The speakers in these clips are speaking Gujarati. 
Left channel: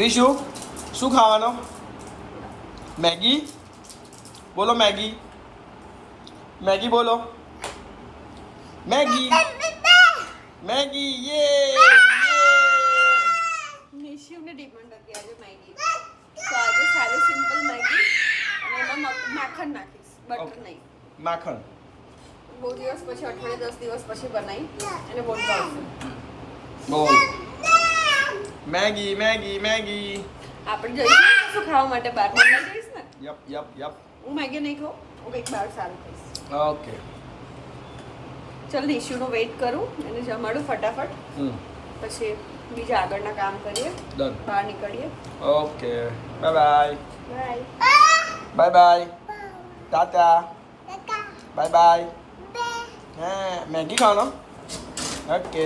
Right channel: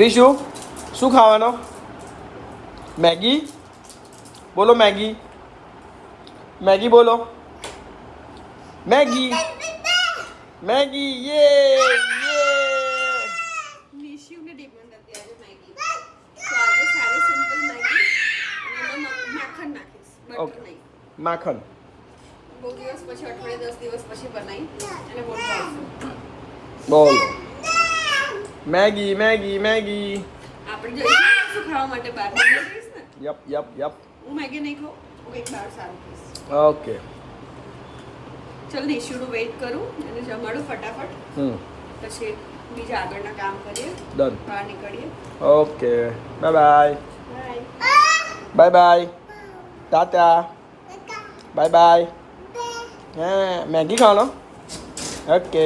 રીશુ શું ખાવાનો? મેગી બોલો, મેગી મેગી બોલો, મેગી મેગી યે નિશિવને ડિમાન્ડ હતી આજે મેગી, તો આજે સારી સિમ્પલ મેગી અને એમાં માખણ નાખીશ, બટર નહીં. માખણ બહુ દિવસ પછી, અઠવાડિયે 10 દિવસ પછી બનાવી અને બહુ ભાવશે. બોલ મેગી મેગી મેગી. આપણે જઈશું શું ખાવા માટે બહાર જઈશ ને? Yup yup yup. હું મેગી નહીં ખાઉં, હું કંઈક બહાર સારું ખાઈશ. ઓકે ચાલ નિશુનું વેઇટ કરું અને જમાડું ફટાફટ, પછી બીજા આગળના કામ કરીએ. ડન. બહાર નીકળીએ. Okay bye bye. Bye bye bye. Tata. Bye bye. હા મેગી ખાવાનો. ઓકે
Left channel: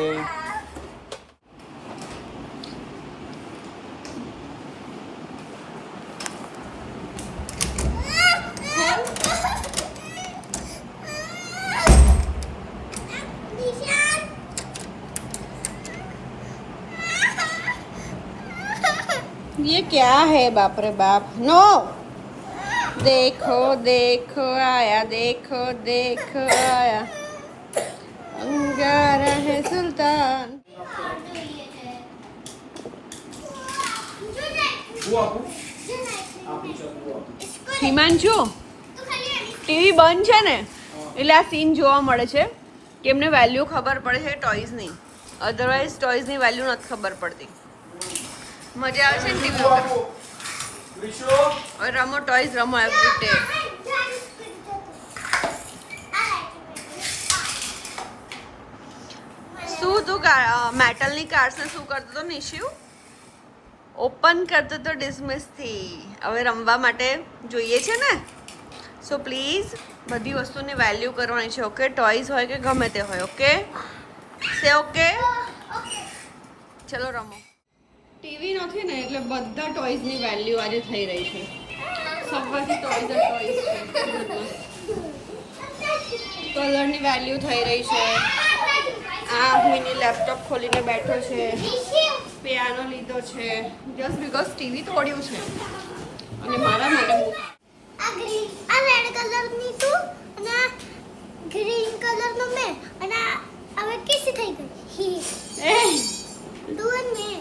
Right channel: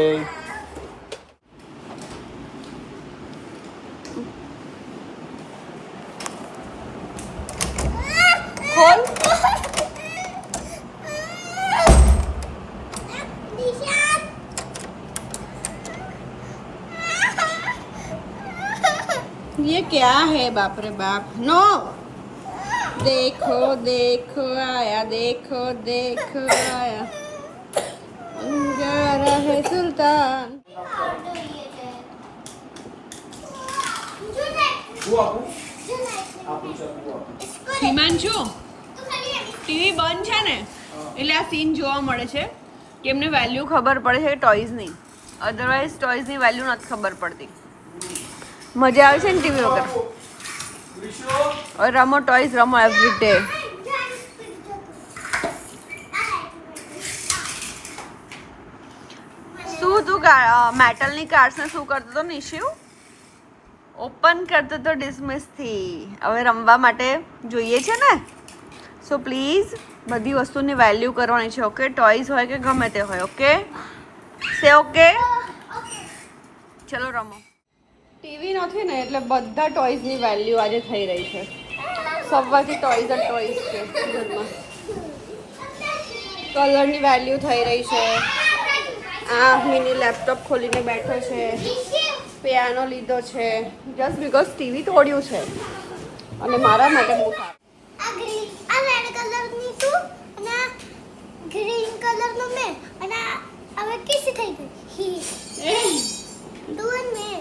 ખોલ. ये क्या है बाप रे बाप, नो. देखो देखो आया, देखो देखो आया, अंगारा है सुल्तान. હિમાંશુ, ટીવી બંધ છે ને એટલે આ સીન જોવા મળે છે કે એમને વેલ્યુ ખબર પડે છે ટોયઝની, અધરવાઇઝ ટોયઝની વેલ્યુ નથી ખબર પડતી. મજા આવે છે ને ટીવી વગર. હવે રમો ટોયઝ, રમો એવરી ડે. શું તું મેટલની કાર્સને શું કરતો હતો નિશિવ? ઓપન કરતો તો ડિસમિસથી. હવે રમવા માટે જોઈએ છે ને, સો પ્લીઝ બધી વસ્તુની વેલ્યુ કરવાની છે. ઓકે, ટોયઝ હોય કે ગમે તે હોય. ઓકે સે ઓકે. ચલો રમો. ટીવી નથી ને એટલે બધા ટોયઝની વેલ્યુ આજે થઈ રહી છે. સવારથી ટોયઝ જ ટોયઝ છે ઘરમાં. કલરની વેલ્યુ થઈ રહી છે. આ મિની લેપટોપ ખોલીને બેઠો છે, પિયાનો લીધો છે જસ્ટ બીકોઝ ટીવી તોડ્યું છે અને મારા માટે બહુ સારું. આ રેડ કલરની તું અને આ ગ્રીન કલરનો મેં અને હવે કિસ થઈ ગઈ. એ તું અને મેં